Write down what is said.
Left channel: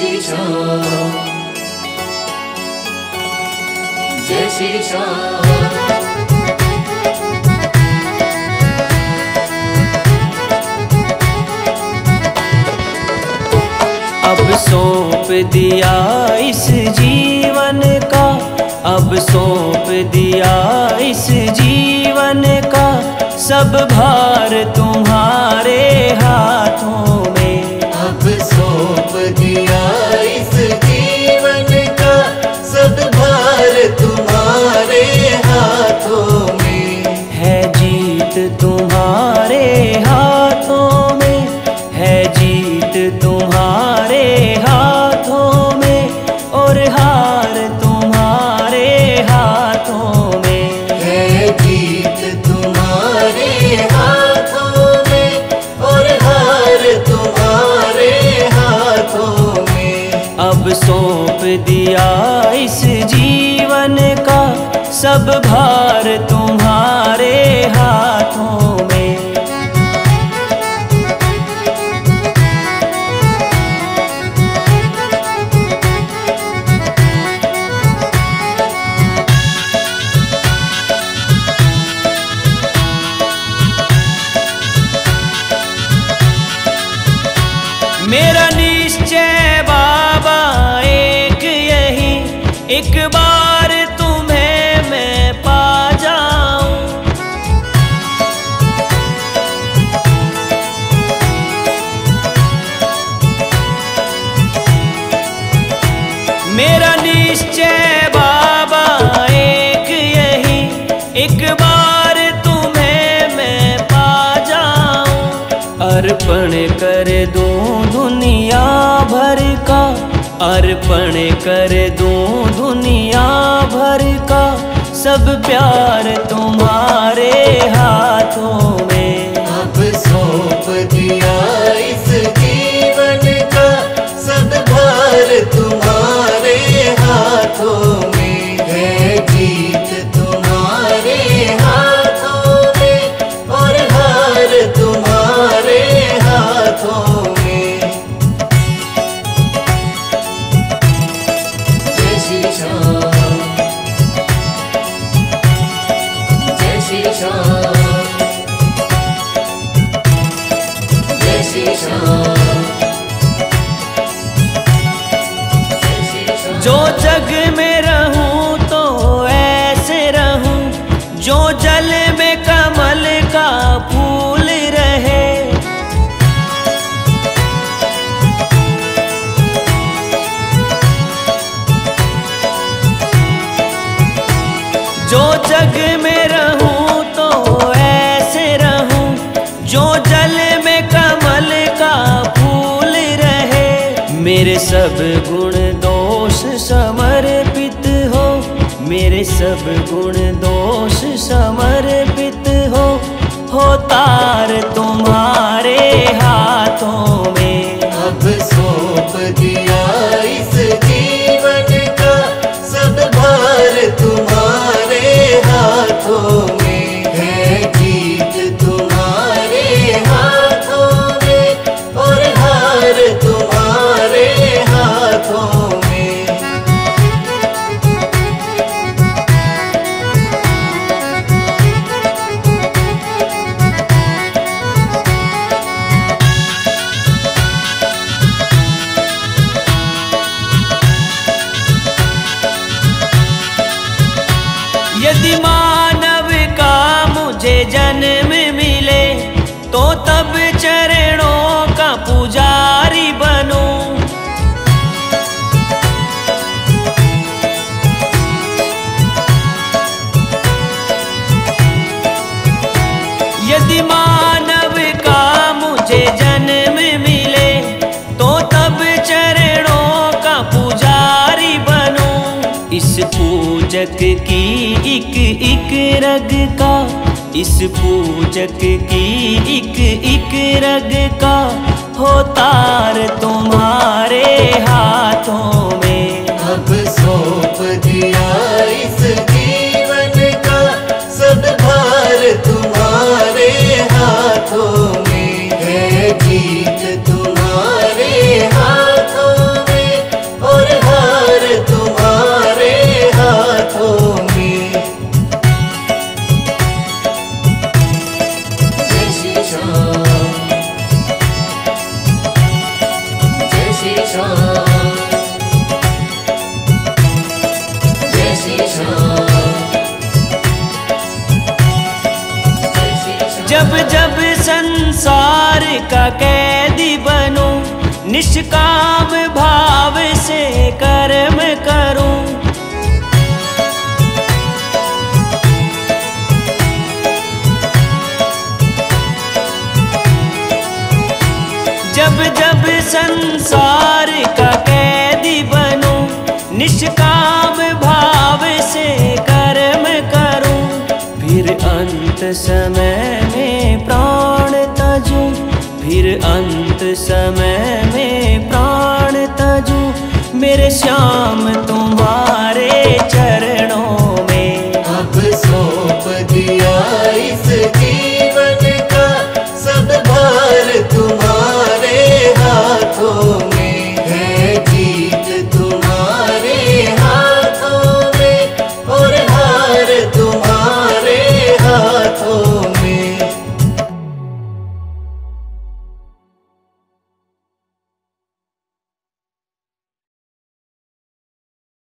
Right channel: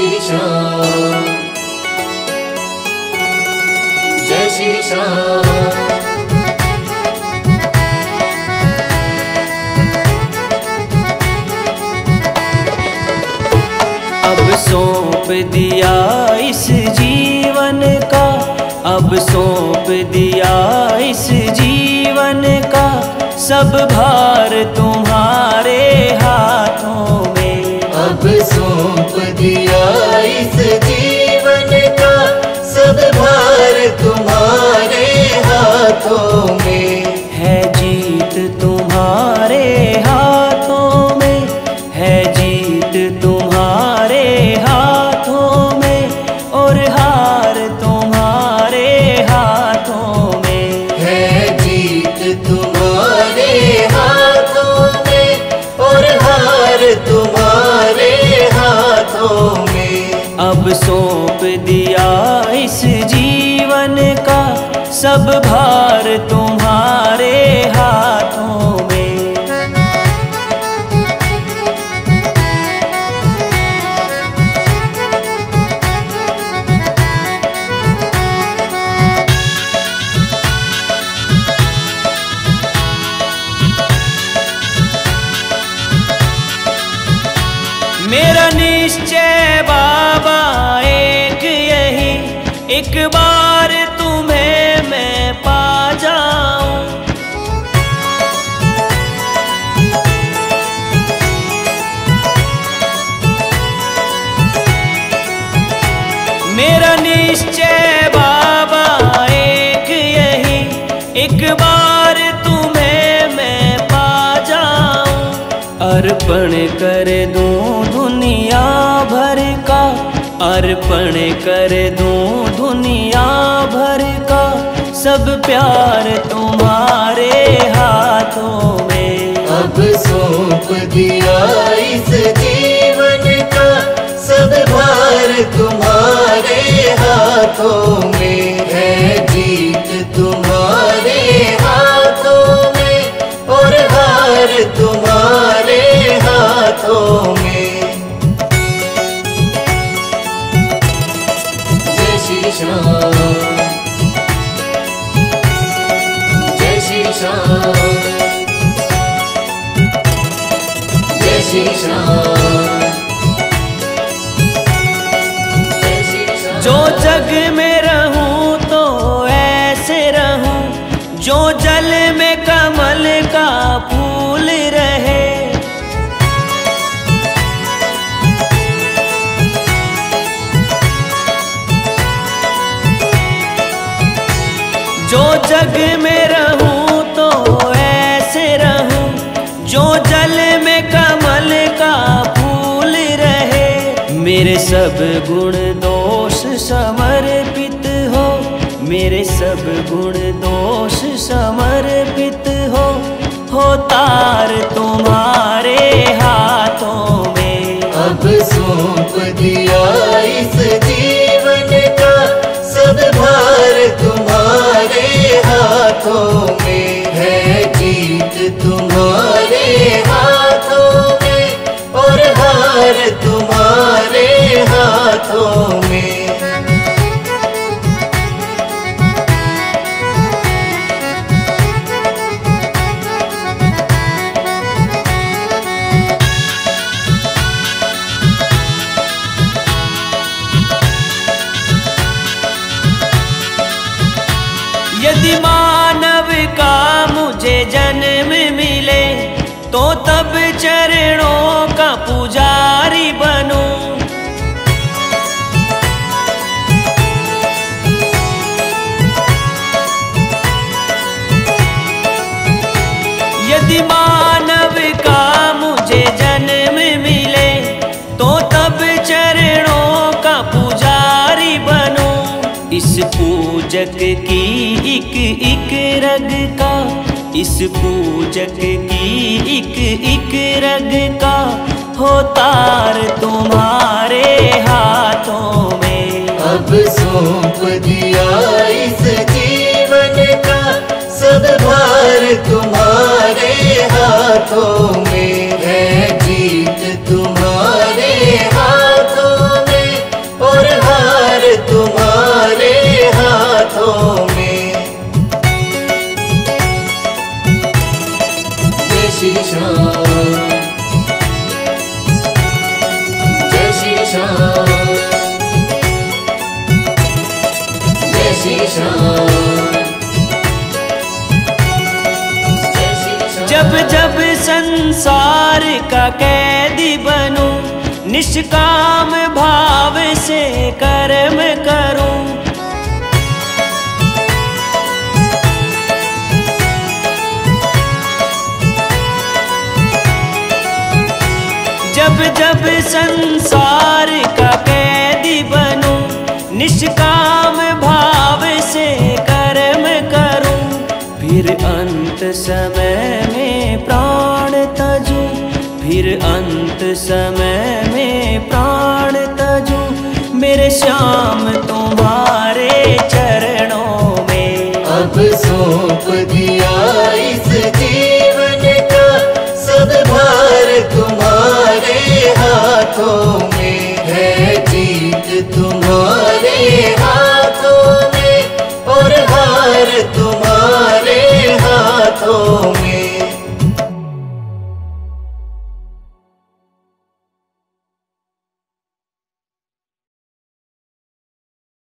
श्री श्याम, जय श्री श्याम। अब सौंप दिया इस जीवन का, अब सौंप दिया इस जीवन का, सब भार तुम्हारे हाथों में। अब सौंप दिया इस जीवन का, सब भार तुम्हारे हाथों में। है जीत तुम्हारे हाथों में, है जीत तुम्हारे हाथों में, और हार तुम्हारे हाथों में। है जीत तुम्हारे हाथों में, और हार तुम्हारे हाथों में। अब सौंप दिया इस जीवन का, सब भार तुम्हारे हाथों में। मेरा निश्चय बाबा एक यही, एक बार तुम्हें मैं पा जाऊं। मेरा निश्चय बाबा एक यही, एक बार तुम्हें मैं पा जाऊं। अर्पण कर दूं दुनिया भर का, अर्पण कर दूं दुनिया भर का, सब प्यार तुम्हारे हाथों में। अब सौंप दिया इस जीवन का, सब भार तुम्हारे हाथों में। है जीत तुम्हारे हाथों में, और हार तुम्हारे हाथों में। जय श्री श्याम, जय श्री श्याम, जय श्री श्याम। जो जग में रहूं तो ऐसे रहूं, जो जल में कमल का फूल रहे। जो जग में रहूं तो ऐसे रहूं, जो जल में कमल का फूल रहे। मेरे सब गुण दोष समर्पित हो, मेरे सब गुण दोष समर्पित हो तार तुम्हारे हाथों में। अब सौंप दिया इस जीवन का, सब भार तुम्हारे हाथों में। है जीत तुम्हारे हाथों में, और हार तुम्हारे हाथों में। यदि मानव का मुझे जन्म मिले, तो तब चरणों का पुजारी बनूं। यदि मानव का मुझे जन्म मिले, तो तब चरणों का पुजारी बनूं। इस पूजक की एक एक रग का, इस पूजक की एक रग का, हो तार तुम्हारे हाथों में। अब सौंप दिया इस जीवन का, सब भार तुम्हारे हाथों में। है जीत तुम्हारे हाथों में, जब जब संसार का कैदी बनूं, निष्काम भाव से कर्म करूं। जब जब संसार का कैदी बनूं, निष्काम भाव से कर्म करूं। फिर अंत समय में प्राण तजूं, फिर अंत समय में प्राण तजूं। मेरे श्याम तुम्हारे चरणों में अब सौंप दिया इस जीवन का सब भार तुम्हारे हाथों में है। जीत तुम्हारे हाथों में और हार तुम्हारे हाथों में।